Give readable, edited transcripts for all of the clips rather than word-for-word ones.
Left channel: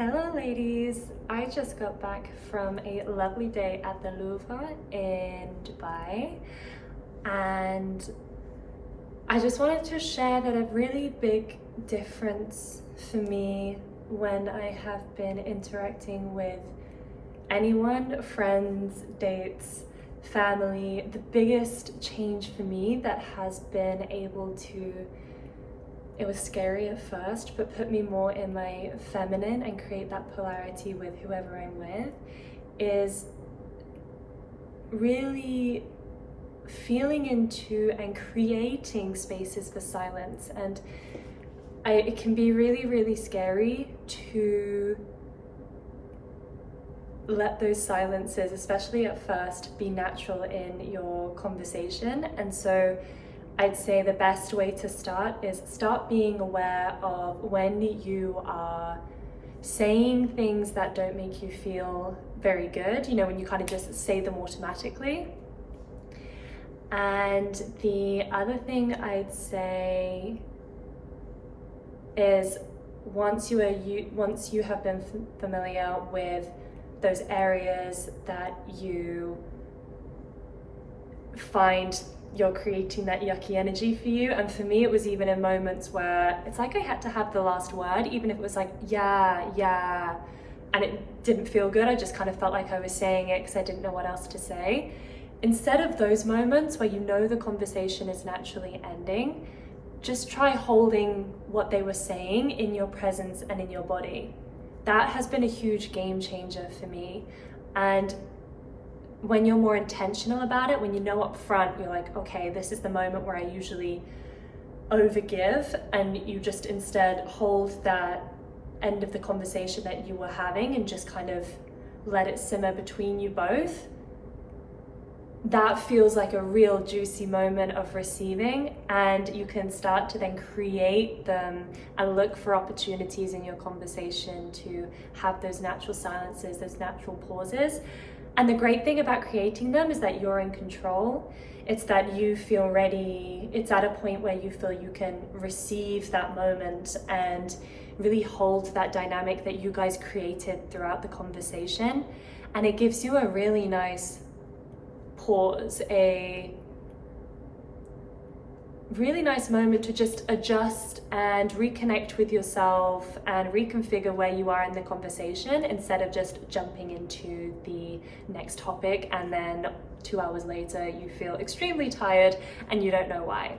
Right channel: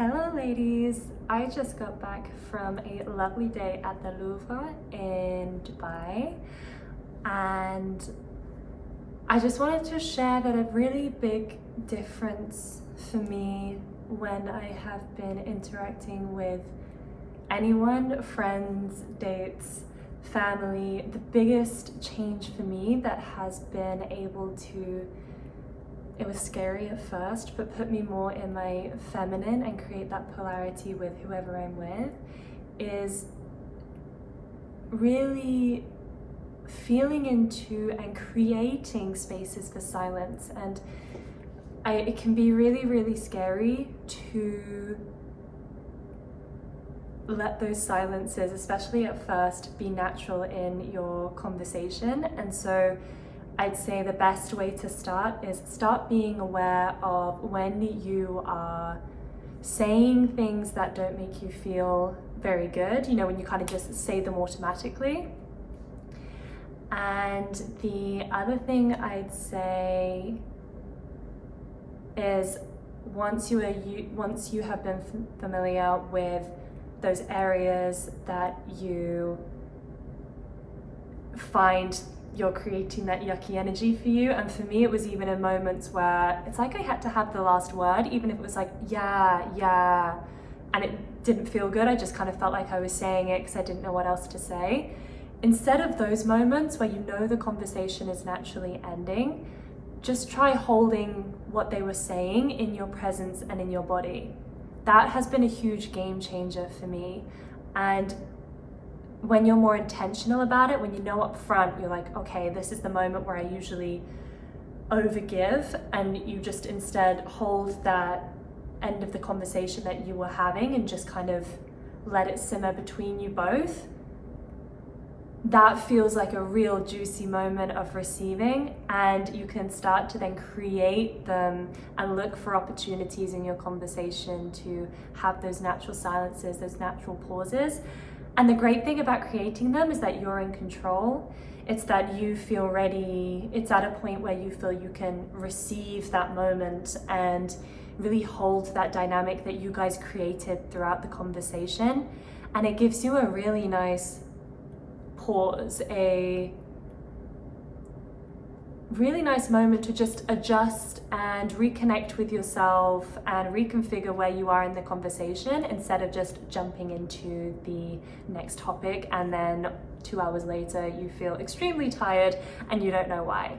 Hello ladies, I just got back from a lovely day at the Louvre in Dubai, and I just wanted to share that a really big difference for me when I have been interacting with anyone, friends, dates, family, the biggest change for me that has been able to, it was scary at first, but put me more in my feminine and create that polarity with whoever I'm with, is really feeling into and creating spaces for silence. And it can be really, really scary to let those silences, especially at first, be natural in your conversation. And so I'd say the best way to start is start being aware of when you are saying things that don't make you feel very good, when you kind of just say them automatically. And the other thing I'd say is once you have been familiar with those areas that you find you're creating that yucky energy for you. And for me, it was even in moments where it's like I had to have the last word, even if it was like, yeah, and it didn't feel good. I just kind of felt like I was saying it because I didn't know what else to say. Instead of those moments where the conversation is naturally ending, just try holding what they were saying in your presence and in your body. That has been a huge game changer for me. And when you're more intentional about it, when you know up front, you're like, okay, this is the moment where I usually overgive, and you just instead hold that end of the conversation that you were having and just kind of let it simmer between you both. That feels like a real juicy moment of receiving, and you can start to then create them and look for opportunities in your conversation to have those natural silences, those natural pauses. And the great thing about creating them is that you're in control. It's that you feel ready. It's at a point where you feel you can receive that moment and really hold that dynamic that you guys created throughout the conversation. And it gives you a really nice pause, a really nice moment to just adjust and reconnect with yourself and reconfigure where you are in the conversation, instead of just jumping into the next topic and then 2 hours later you feel extremely tired and you don't know why.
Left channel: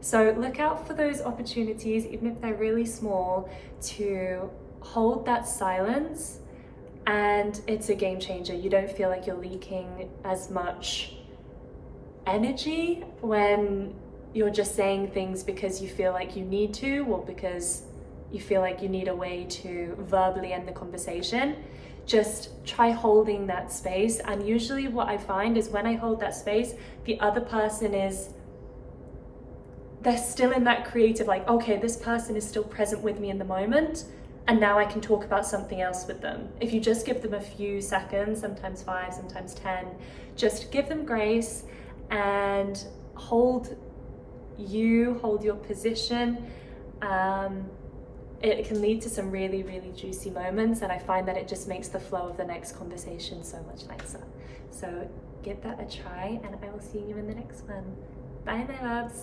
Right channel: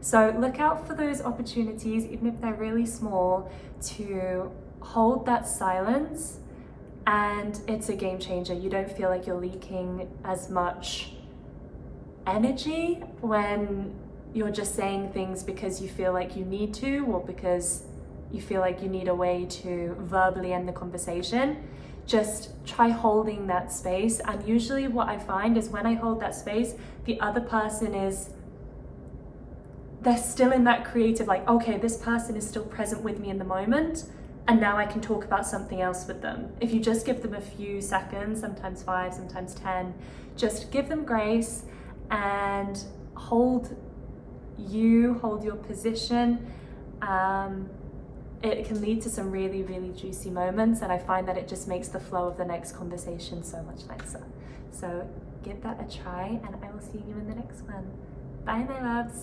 So look out for those opportunities, even if they're really small, to hold that silence, and it's a game changer. You don't feel like you're leaking as much energy when you're just saying things because you feel like you need to, or because you feel like you need a way to verbally end the conversation. Just try holding that space. And usually what I find is when I hold that space, the other person they're still in that creative, like, okay, this person is still present with me in the moment, and now I can talk about something else with them. If you just give them a few seconds, sometimes 5, sometimes 10, just give them grace and hold your position. It can lead to some really, really juicy moments, and I find that it just makes the flow of the next conversation so much nicer. So give that a try, and I will see you in the next one. Bye, my loves.